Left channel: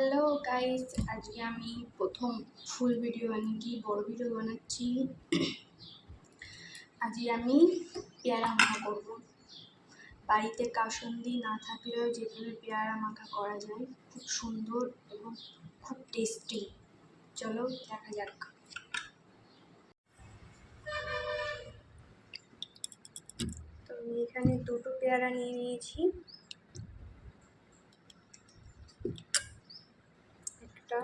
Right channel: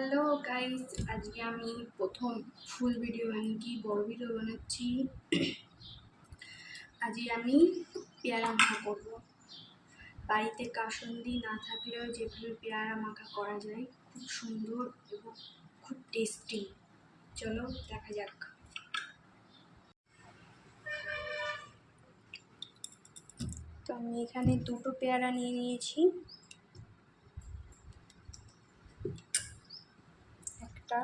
Hello guys, আজকে আমি প্রথম ফুল ভিডিও বানিয়েছি, বড় ভিডিও বানাচ্ছি। আজকে আমি পেয়ারা মাখা করব। বাড়িতে কাসুন্দি না থাকলেও যেভাবে পেয়ারা মাখা করা যায় খুব সুন্দর এবং খুব টেস্টি। চলো দেখা যাক। তো আমি এখানে দুটো পেয়ারা নিয়ে নিয়েছি। একটা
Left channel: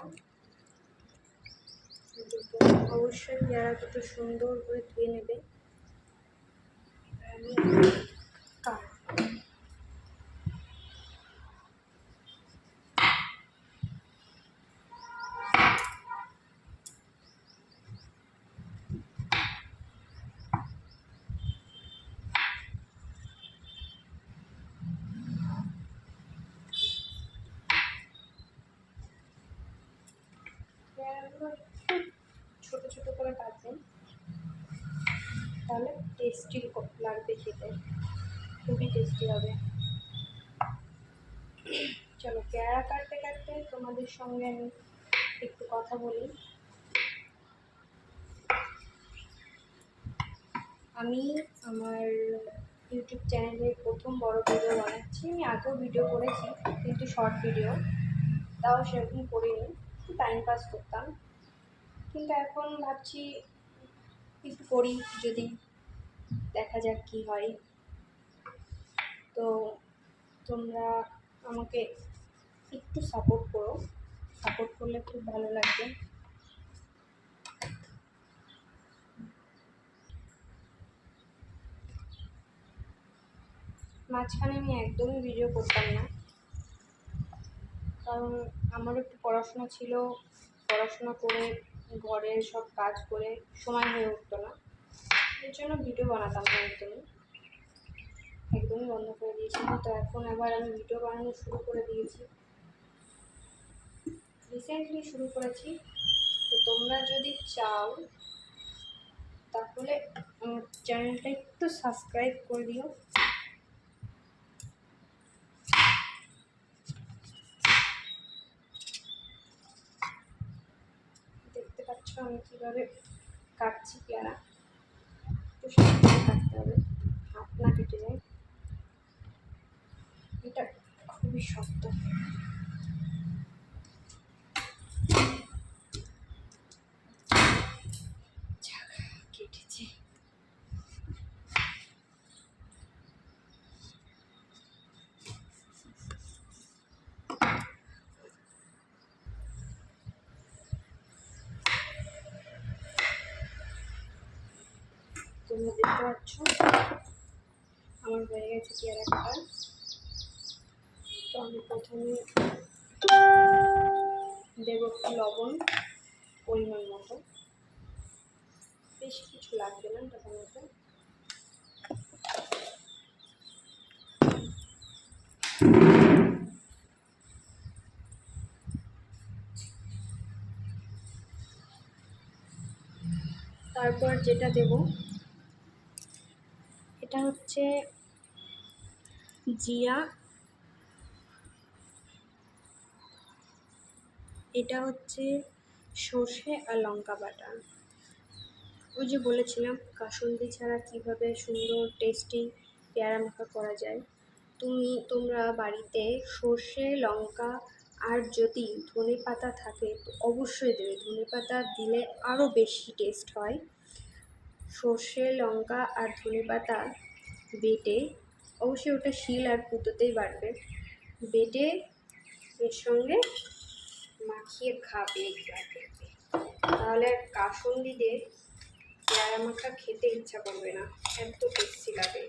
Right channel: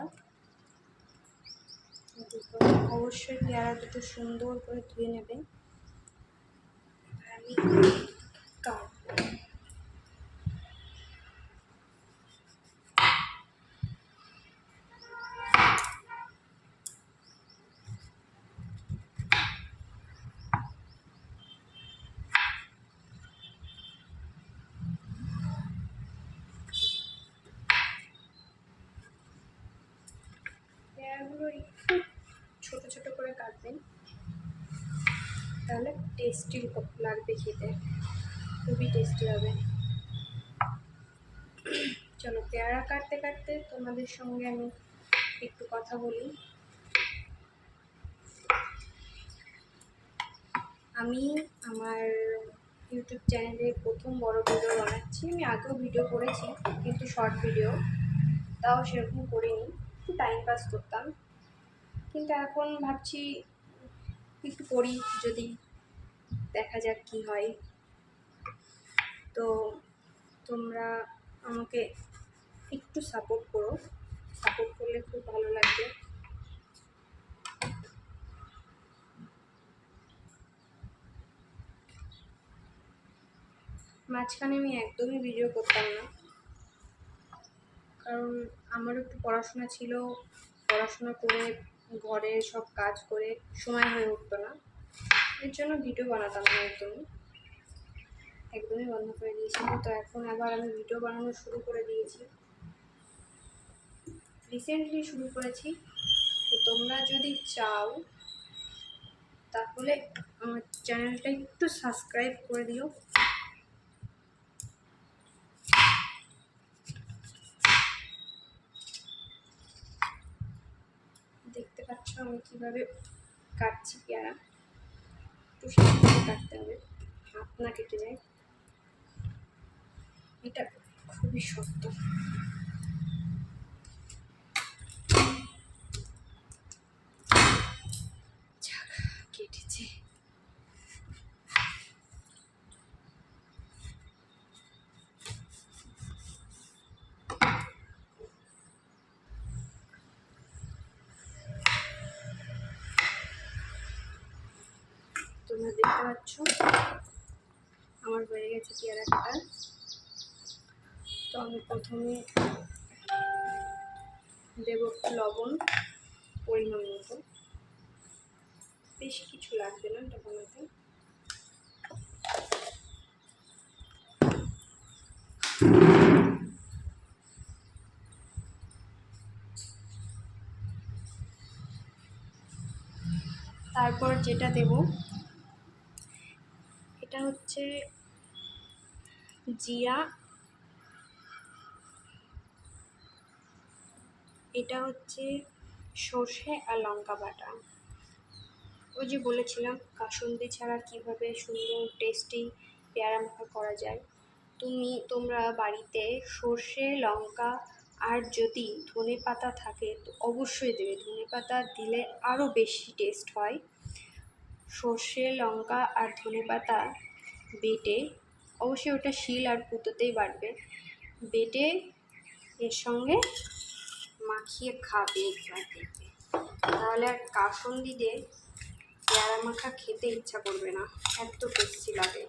দুটো, অবশ্যই পেয়ারা দুটো সুন্দর করে ধুয়ে নেবে। আমি কাটবো। পেয়ারাগুলো একটু ছোট ছোট করে কাটবেন, তাহলে টেস্টি লাগবে খেতে, খুবই টেস্টি হবে। চলো পেয়ারা কাটতে কাটতে তোমাদের সঙ্গে আমি একটু কথা বলি। আমি আমার ইউটিউব চ্যানেলে প্রথম বড় ভিডিও বানাচ্ছি। আমি আগেও ভিডিও করেছি, কিন্তু শর্ট ভিডিও, তাও সেরকম করিনি, একটু টাইম পাস করতাম। কিন্তু এখন ভাবছি একটু করি, যদি দেখা যাক কি হয়। তো তোমরা আমাকে একটু সাপোর্ট করো, সাপোর্ট করলে খুব ভালো লাগবে। মাঝখানে আমি একদমই ভিডিও করতাম না, কারণ আমারও একটু পড়াশোনা ছিল, পড়াশোনা করে ঘরের সব কাজ করে সময় হয়ে উঠতো না, এর জন্য ভিডিও বানাতাম না, একদমই বন্ধ করে দিয়েছিলাম। তো এখন আবার আমি ভিডিও বানানো শুরু করে দিয়েছি, রিসেন্টলি শুরু করেছি। তো তোমরা যদি চাও তাহলে আমার চ্যানেলটা একটু সাবস্ক্রাইব করে দিও। দেখতে পাচ্ছ আমি কিভাবে কাটছি পেয়ারা, একটু সাবধানে কাটতে হবে, হাত না কেটে যায়। এটা খুবই শক্ত। কেটেছে। তোমরা দেখতে পাচ্ছ আমার হয়ে গেছে পেয়ারা কাটা। তো আমি প্রথমে দেব লবণ পরিমাণ মতো, বেশি কিছু লাগবে না এটা বানাতে। তারপর যেটা দেব এটা হচ্ছে জিরা, এটা হচ্ছে সর্ষে আর লঙ্কা বাটা। ওই যে বলেছিলাম কাসুন্দি ছাড়া কিভাবে সুন্দর টেস্টি পেয়ারা মাখা করা যায়। তোমরা বাড়িতে সর্ষে লঙ্কা আর যদি ধনে পাতা থাকে তো অবশ্যই দেবে, ধনে পাতা দিলে আরও বেশি টেস্ট হয়। সর্ষে লঙ্কা আর ধনে পাতা বেটে, অবশ্যই ওটা শিল আর পুঁতোতেই বাটবে, বেটে এর সঙ্গে মাখিয়ে খাবে একবার, দেখবে তাহলে আর কাসুন্দি দিয়ে পেয়ারা মাখা খেতে ইচ্ছা করবে না, এত টেস্টি লাগে।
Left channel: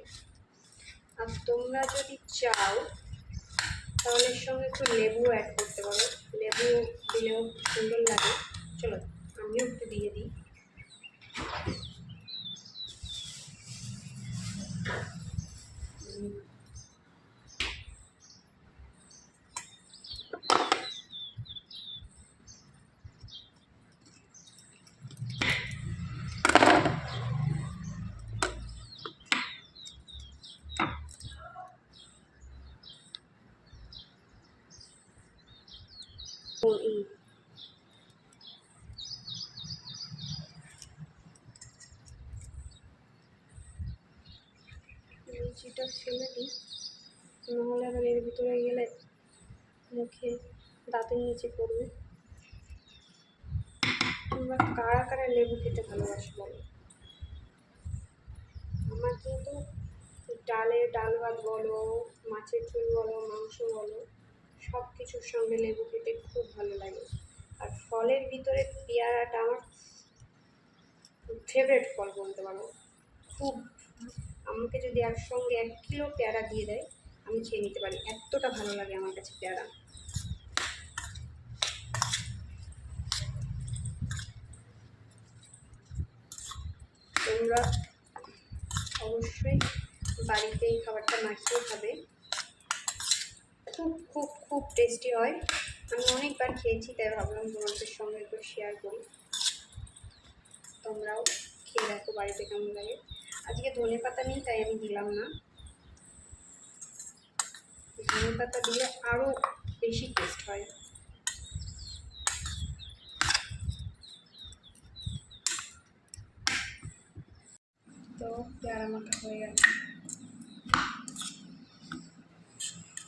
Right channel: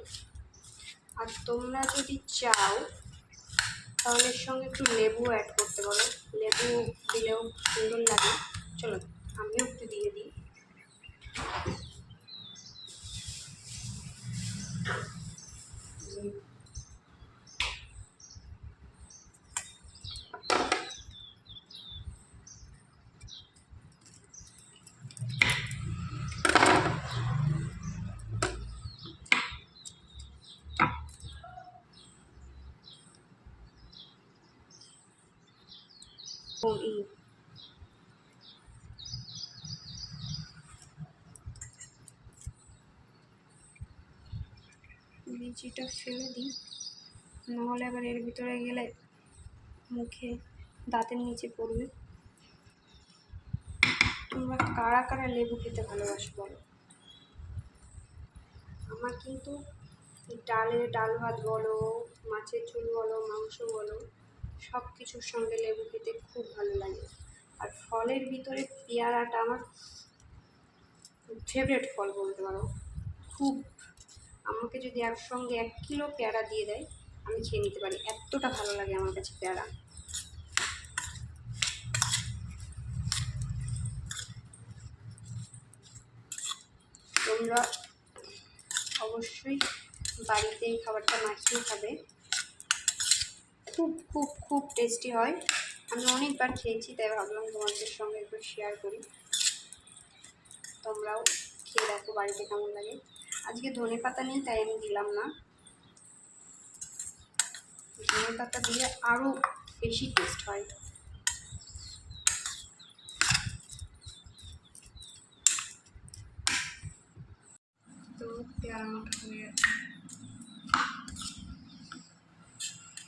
আর তোমরা যদি চাও তাহলে এর সঙ্গে একটু লেবু অ্যাড করতে পারো, লেবু দিলেও সুন্দর লাগে। চলো আমিও একটু দিয়ে দিই। লিচিটা ফেলে দিই, নাহলে আবার এর ভিতরে গেলে মুখে দাঁতের নিচে পড়বে। তোমরা কারা কারা লেবু খেতে ভালোবাসো বলো? আমার কিন্তু ডাল ভাত বলো, মাছের ঝোল বলো, মাংস বলো, সব কিছুর সঙ্গে লেবু খেতে খুব ভালো লাগে। আর ফলের ভিতরে পেয়ারাটা আমার ফেভারিট ফল বলতে পারো। খুব, আমাকে যদি একসঙ্গে 1 কিলো পেয়ারা দিয়ে দেয় আমি খেয়ে নিতে পারি, এতটা ভালো লাগে আমার কাছে পেয়ারা। তোমরা অবশ্যই বাড়িতে এই খাবারটা মাখিয়ে খাবে, খুব খুব খুব টেস্টি হয়। আমি অনেকবার খেয়েছি, তাই ভাবলাম তোমাদের সঙ্গে একটু শেয়ার করি, তোমরাও খেয়ে দেখো বাড়িতে কেমন লাগে। আজকে ধনে পাতা নেই তাই আমি দিলাম না, ধনে পাতা দিলে আরও বেশি টেস্ট হয়। তো পেয়ারা মাখা হয়ে গেছে,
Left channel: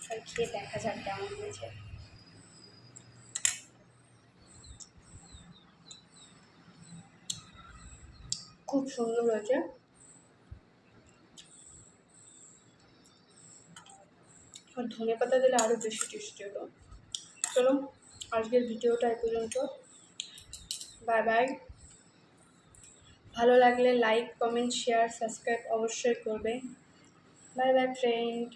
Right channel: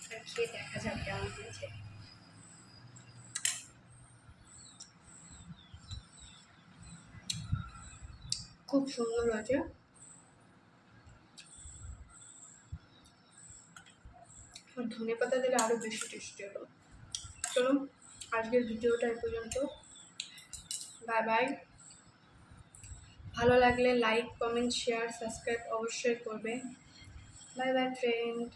আর খেয়ে দেখা যাক কেমন হয়েছে। খুব সুন্দর হয়েছে। আর ধনে পাতা দিলে আরও বেশি টেস্টি হলো। চলো আজকের ভিডিওটা এ পর্যন্ত, বাই বাই। ভালো লাগলে লাইক, কমেন্ট, শেয়ার, সাবস্ক্রাইব অবশ্যই করবে। Bye bye friend.